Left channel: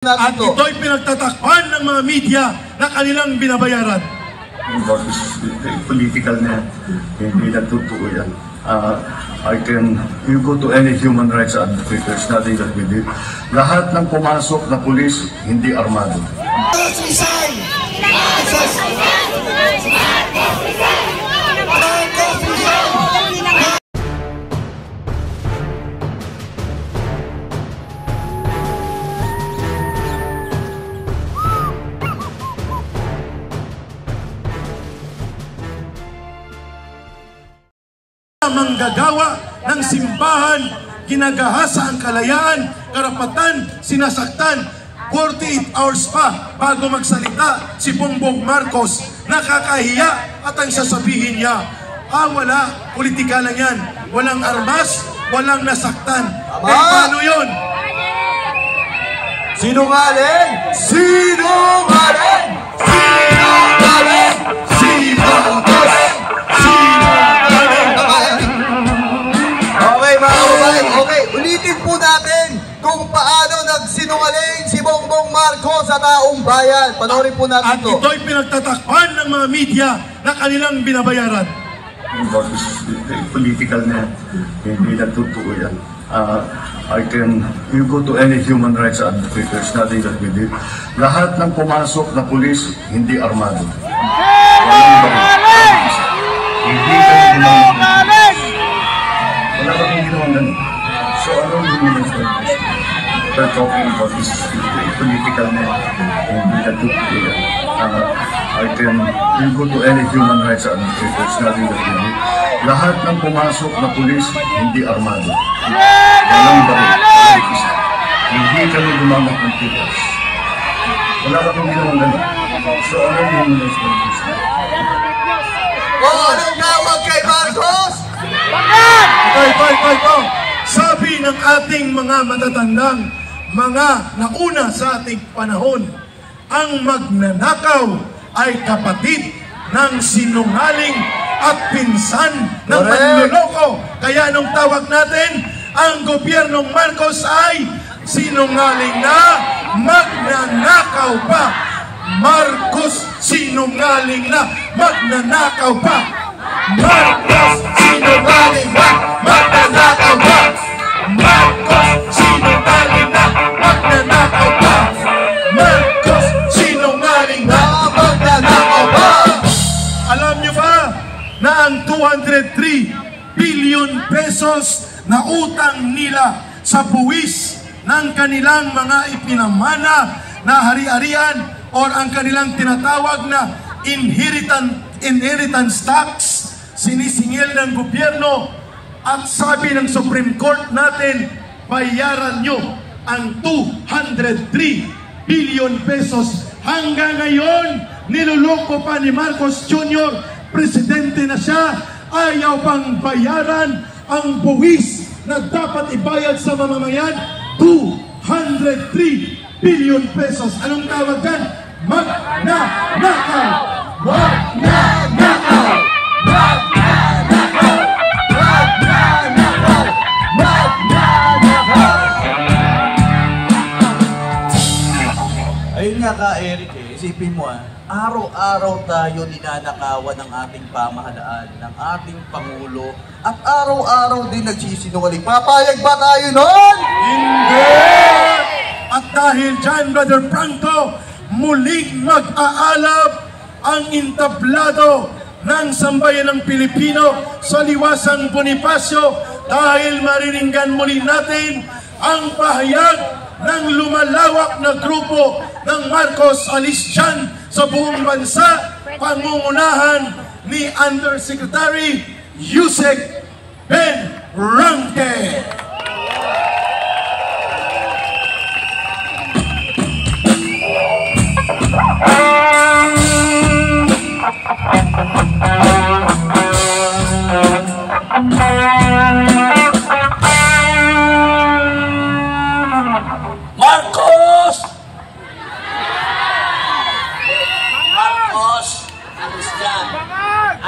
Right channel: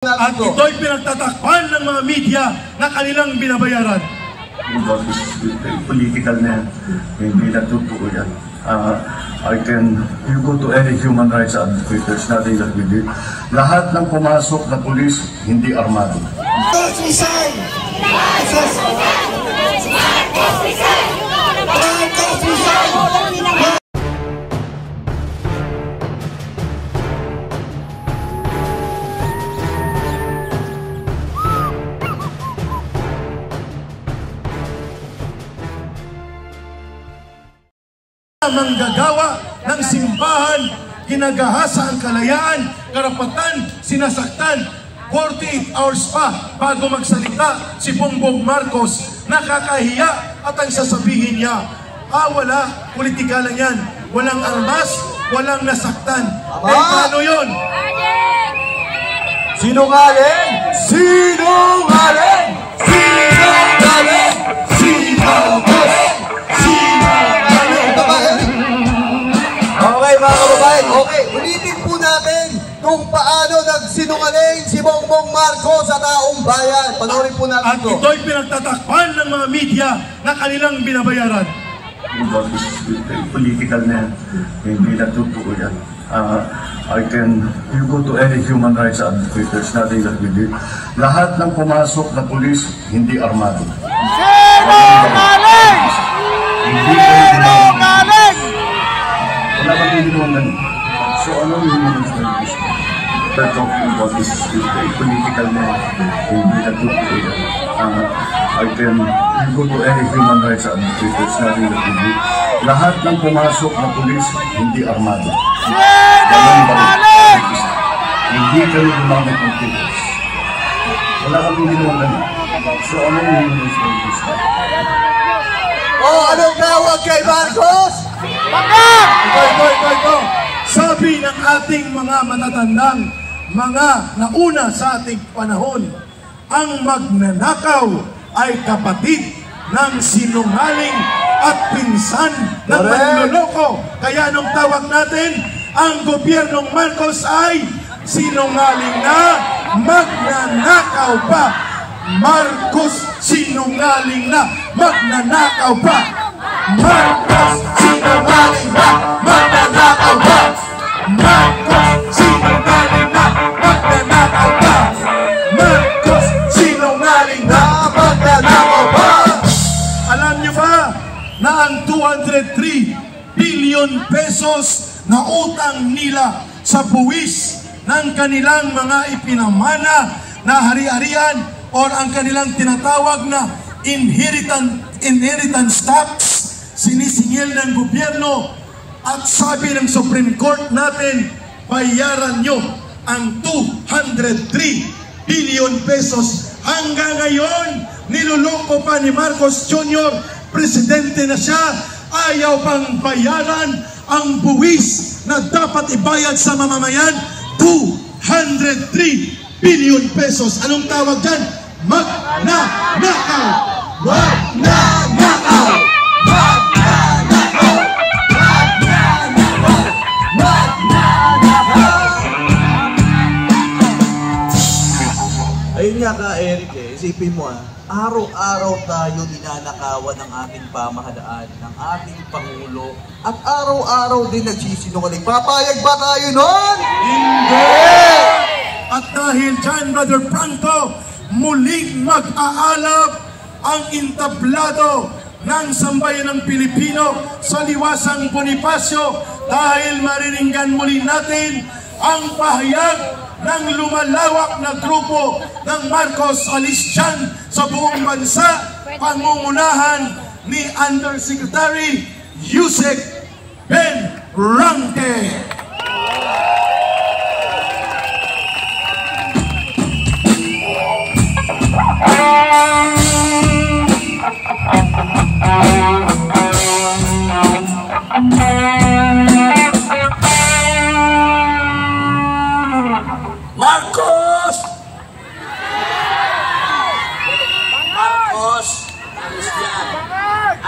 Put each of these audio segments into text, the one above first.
At ito'y pinagtatakpan ng mga media na kanilang binabayaran. Political na yan. Hindi na totoo yan. You go to any human rights advocate, there's nothing that we did. Lahat ng pumasok na pulis, hindi armado. Manggagawa ng simbahan, ginagahasa ang kalayaan, karapatan, sinasaktan. 48 hours pa bago magsalita si Bongbong Marcos. Nakakahiya at ang sasabihin niya, wala, politika lang yan. Walang armas, walang nasaktan. Paano yun? Sinungaling! Sinungaling! Sinungaling! Sinungaling! Okay, ulitin po natin kung paano nagsinungaling si Bongbong Marcos sa taong bayan. Panoorin po natin ito. At ito'y pinagtatakpan ng mga media na kanilang binabayaran. Political na yan. Hindi na totoo yan. You go to any human rights advocate, there's nothing that we did. Lahat ng pumasok na pulis, hindi armado. Sinungaling! Sinungaling! Wala ba yung ginawang ganun? So ano yung ginawang ganun? We're talking about this political na hindi na totoo yan. You go to any human rights advocate, there's nothing that we did. Lahat ng pumasok na pulis, hindi armado. Sinungaling! Hindi kami gumamit ng tigas. Wala ba yung ginawang ganun? So ano yung ginawang ganun? Anong tawag kay Marcos? Bakit? Ito. Sabi ng ating mga matatandang, mga nauna sa ating panahon, ang magnanakaw ay kapatid ng sinungaling at pinsan ng panloloko. Kaya anong tawag natin? Ang gobyernong Marcos ay sinungaling na magnanakaw pa. Marcos sinungaling na magnanakaw pa. Marcos sinungaling na magnanakaw pa. Marcos sinungaling na magnanakaw pa. Marcos sinungaling na magnanakaw pa. Alam niyo ba na ang 203 billion pesos na utang nila sa buwis ng kanilang mga ipinamana na hari-harian o ang kanilang tinatawag na inheritance tax, sinisingil ng gobyerno, at sabi ng Supreme Court natin, bayaran nyo ang 203 billion pesos. Hanggang ngayon, niluloko pa ni Marcos Jr., presidente na siya, ayaw pang bayaran ang buwis na dapat ibayad sa mamamayan, 203 billion pesos. Anong tawag dyan? Magnanakaw! Magnanakaw! Magnanakaw! Magnanakaw! Magnanakaw! Ayun nga ka, Eric, isipin mo araw-araw tayo ninanakawan ng ating pamahalaan, ng ating Pangulo, at araw-araw din nagsisinungaling. Papayag ba tayo nun? Hindi! At dahil dyan, Brother Franco, muling mag-aalab ang entablado ng sambayan ng Pilipino sa liwasang Bonifacio dahil mariringgan muli natin ang pahayag ng lumalawak na grupo ng Marcos Alistyan sa buong bansa, pangungunahan ni Undersecretary Yusek Ben Ranque.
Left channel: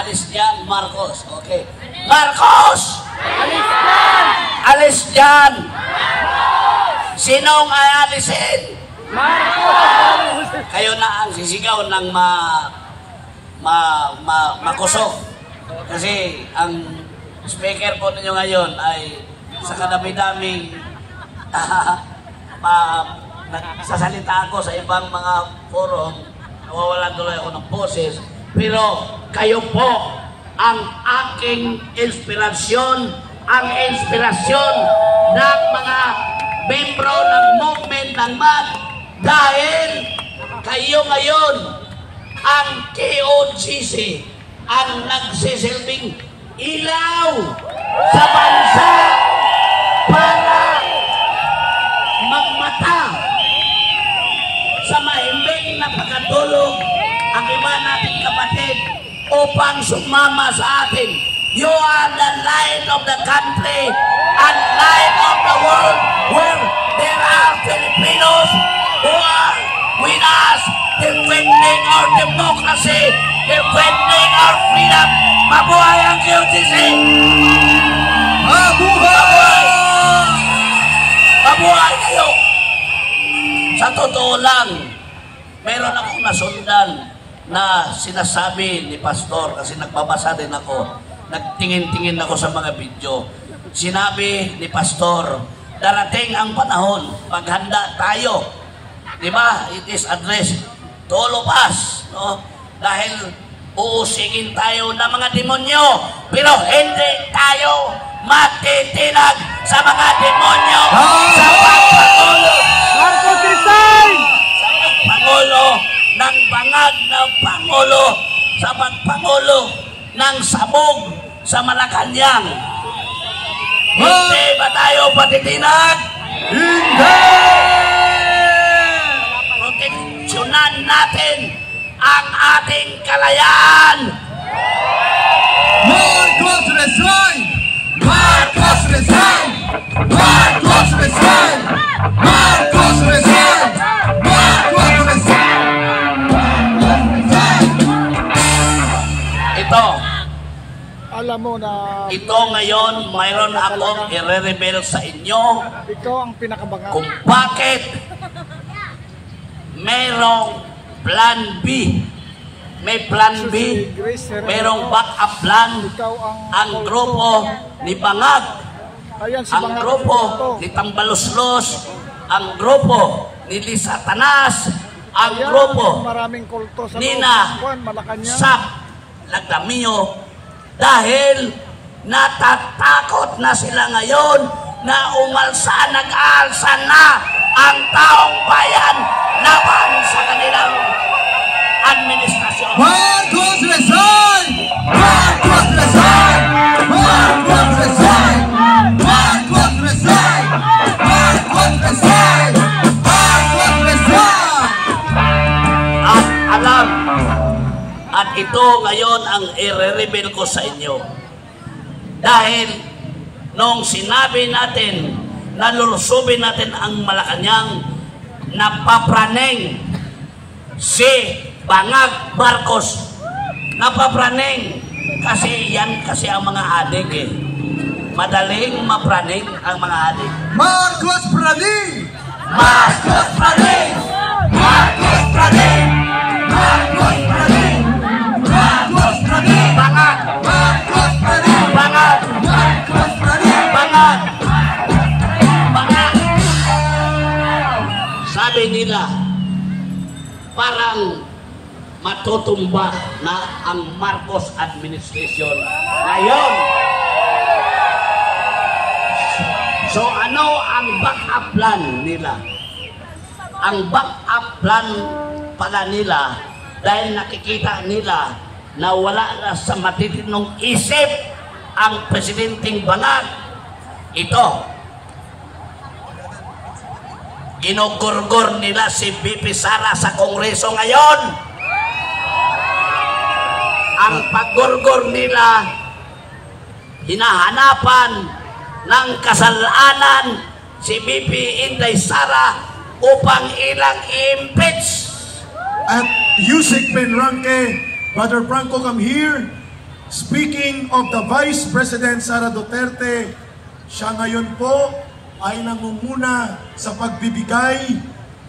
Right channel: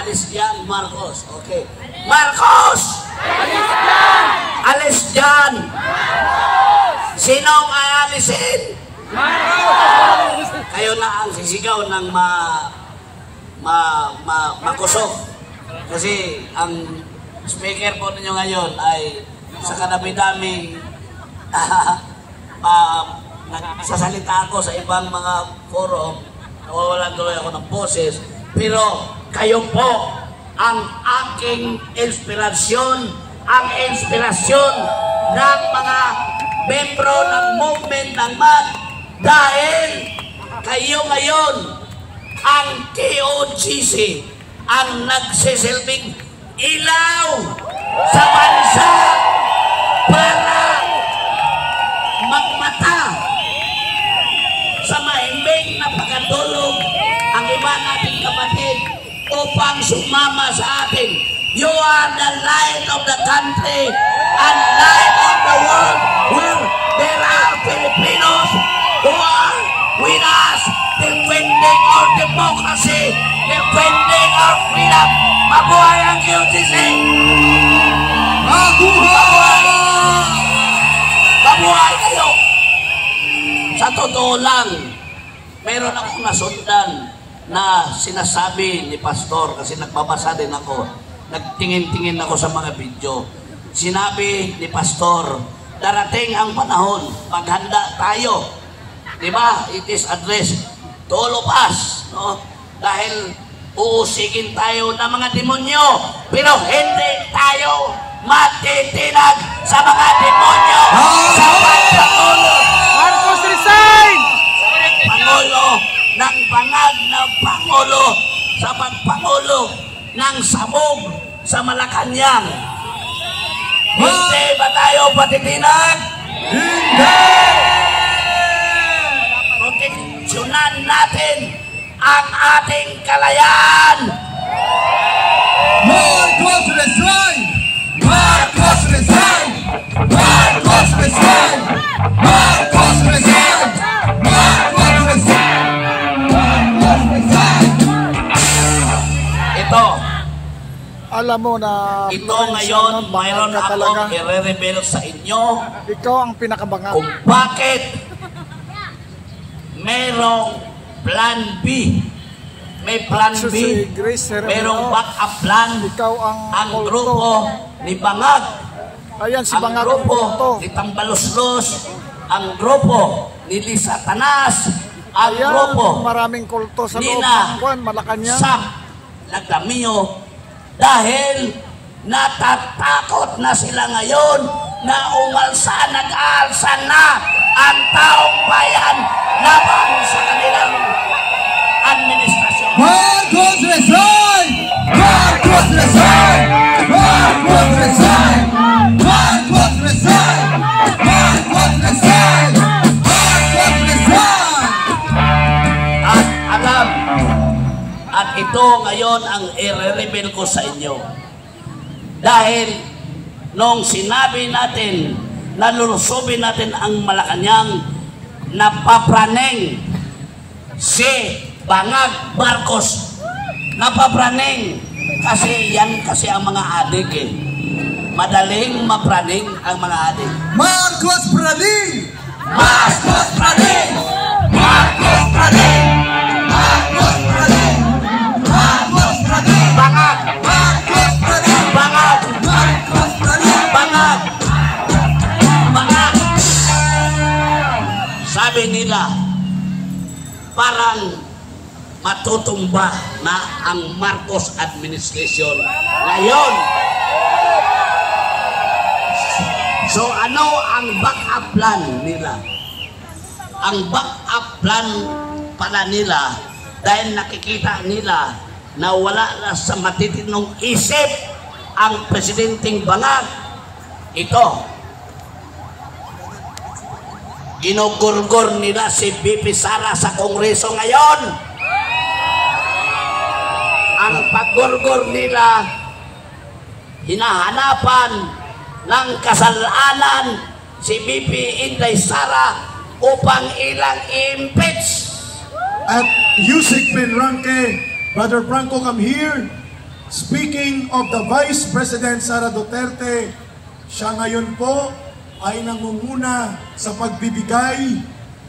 Alistyan Marcos. Okay. Marcos! Alistyan! Sinong aalisin? kayo na ang sisigaw ng makusok. Kasi ang speaker po ninyo ngayon ay sa kadami-daming nagsasalita ako sa ibang mga forum, wala tuloy ako ng boses, pero kayo po ang aking inspirasyon, ang inspirasyon ng mga membro ng movement ng MAD, dahil kayo ngayon ang KOGC ang nagsisilbing ilaw sa bansa para magmata sa mahimbing na pagkatulog ang iba nating kapatid upang sumama sa atin. You are the light of the country and light of the world, where there are Filipinos who are with us defending our democracy, defending our freedom. Mabuhay ang QTC! Mabuhay! Mabuhay kayo! Sa totoo lang, meron akong nasundan na sinasabi ni Pastor, kasi nagbabasa din ako, nagtingin-tingin ako sa mga video. Sinabi ni Pastor, darating ang panahon, maghanda tayo. Diba? It is addressed to all of us. No? Dahil uusigin tayo ng mga demonyo, pero hindi tayo matitinag sa mga demonyo sa pagpangulo. Marcos resign! Pangulo ng bangag ng Pangulo sa pagpangulo ng sabog sa Malacanang. Hindi ba tayo patitinag? Hindi! Proteksyonan natin ang ating kalayaan. Marcos resign! Marcos resign! Marcos resign! Marcos resign! Marcos resign! Marcos resign! Ito. Alam mo na Ito ngayon, mayroon akong i-reveal sa inyo ikaw ang pinakabangat. kung bakit mayroong plan B. May plan B, mayroong backup plan. Ikaw Ang grupo ni Bangag, Ayan si ang Bangag grupo Kulto. ni Tambaloslos, ang grupo ni Lisa Tanas, ang Ayan, grupo maraming kulto sa loob Nina ng Juan, Malacanang. sa Lagdamio, dahil natatakot na sila ngayon na umalsa, nag-aalsa na ang taong bayan laban sa kanilang administrasyon. Marcos resign! Marcos resign! Marcos resign! Marcos resign! Marcos resign! Marcos resign! At alam, at ito ngayon ang i-reveal ko sa inyo. Dahil nung sinabi natin na lulusubin natin ang Malacanang, napapraneng si Bangag Marcos. Napapraneng kasi yan kasi ang mga adik eh. Madaling mapraning ang mga adik. Marcos praning! Marcos praning! Marcos praning! Marcos praning! Marcos praning! Bangag! Marcos praning! Bangag! Marcos praning! Bangag! Bangag! Sabi nila, parang matutumba na ang Marcos administration ngayon. So ano ang backup plan nila? Ang backup plan pala nila, dahil nakikita nila na wala na sa matitinong isip ang Presidenteng Bangag, ito, ginugurgur nila si BP Sara sa Kongreso ngayon. Ang paggurgur nila, hinahanapan ng kasalanan si BP Inday Sara upang ilang i-impeach. At Yusik Penranque, Brother Franco, come here. Speaking of the Vice President Sara Duterte, siya ngayon po ay nangunguna sa pagbibigay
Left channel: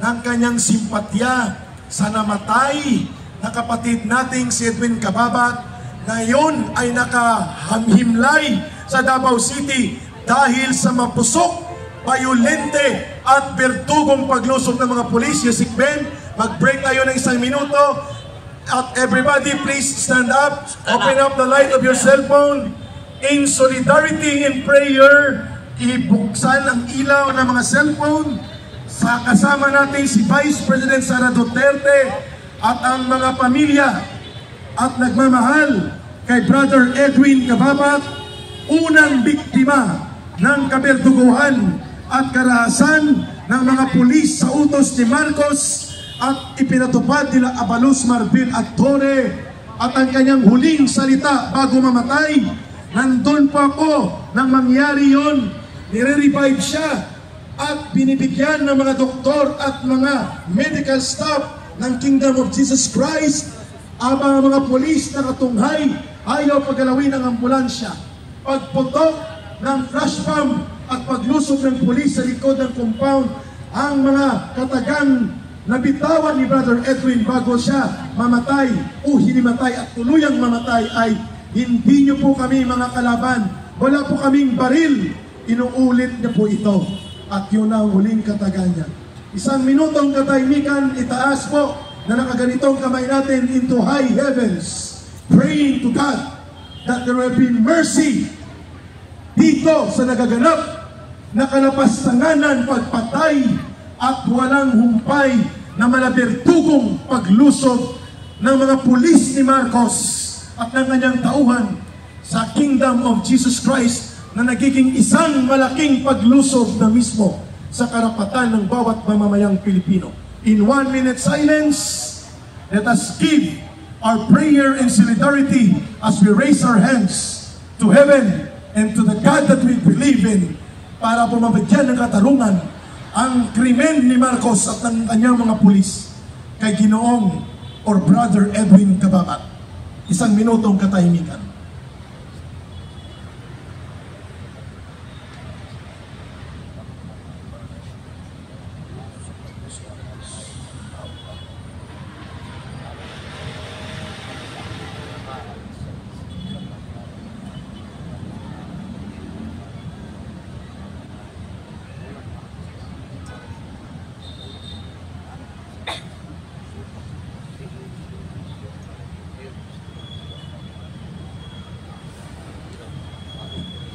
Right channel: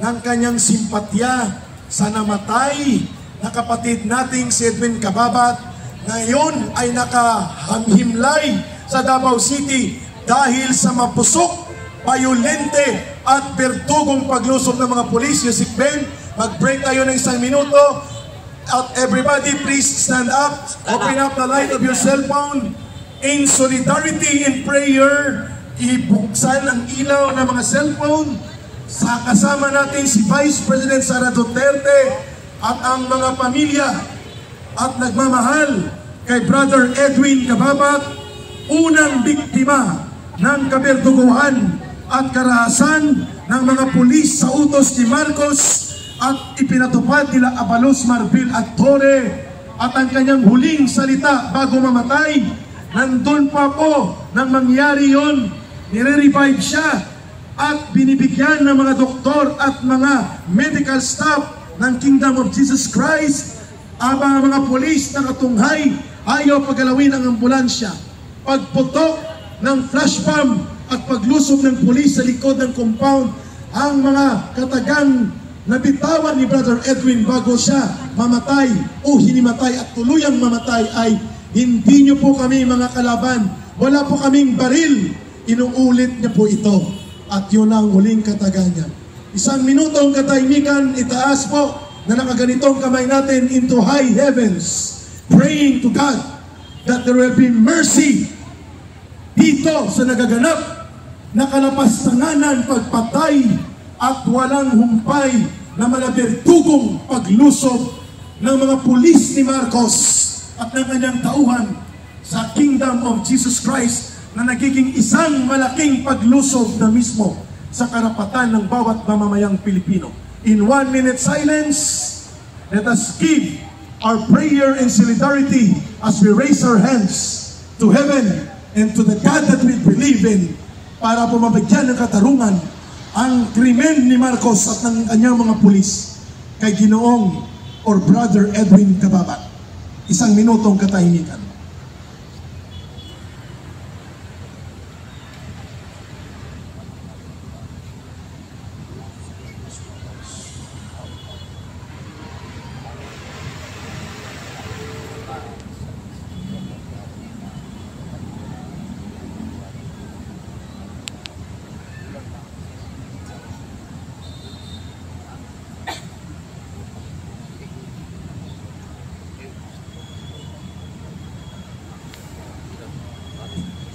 ng kanyang simpatya sa namatay na kapatid nating si Edwin Cababat, ngayon ay nakahimlay sa Davao City dahil sa mapusok, bayolente at bertugong paglusog ng mga pulis. Yusik Ben, mag-break tayo ng 1 minuto. At everybody please stand up, open up the light of your cell phone. In solidarity and prayer, ibuksan ang ilaw ng mga cellphone. Sa kasama natin si Vice President Sara Duterte at ang mga pamilya at nagmamahal kay Brother Edwin Cababat, unang biktima ng kaberduguhan at karahasan ng mga pulis sa utos ni Marcos at ipinatupad nila Abalos Marbil at Torre. At ang kanyang huling salita bago mamatay, nandun po ako nang mangyari yon, nire-revive siya at binibigyan ng mga doktor at mga medical staff ng Kingdom of Jesus Christ. Ang mga polis na katunghay, ayaw paggalawin ang ambulansya. Pagputok ng flash bomb at paglusob ng polis sa likod ng compound, ang mga katagang nabitawan ni Brother Edwin bago siya mamatay o hinimatay at tuluyang mamatay ay, hindi niyo po kami mga kalaban, wala po kaming baril. Inuulit niya po ito at yun ang huling kataga niya. 1 minutong katahimikan, itaas po na nakaganitong kamay natin into high heavens, praying to God that there will be mercy dito sa nagaganap na kalapastanganan, pagpatay at walang humpay na malabertugong paglusob ng mga pulis ni Marcos at ng kanyang tauhan sa Kingdom of Jesus Christ, na nagiging isang malaking paglusob na mismo sa karapatan ng bawat mamamayang Pilipino. In 1 minute silence, let us give our prayer and solidarity as we raise our hands to heaven and to the God that we believe in, para po mabigyan ng katarungan ang krimen ni Marcos at ng kanyang mga pulis kay Ginoong or Brother Edwin Cababat. 1 minutong katahimikan.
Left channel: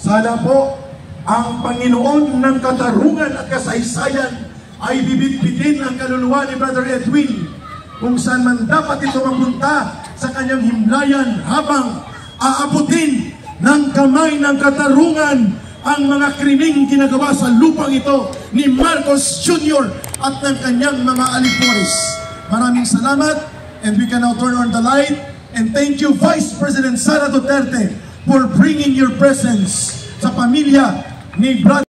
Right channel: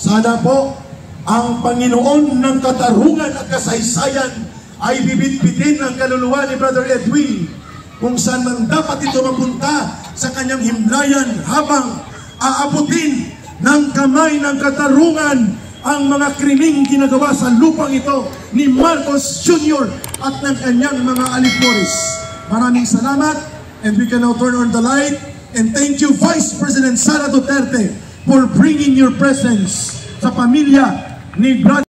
Sana po ang Panginoon ng katarungan at kasaysayan ay bibitbitin ang kaluluwa ni Brother Edwin kung saan man dapat ito mapunta sa kanyang himlayan, habang aabutin ng kamay ng katarungan ang mga krimeng ginagawa sa lupang ito ni Marcos Jr. at ng kanyang mga alipores. Maraming salamat, and we can now turn on the light. And thank you, Vice President Sara Duterte, for bringing your presence sa pamilya ni Brother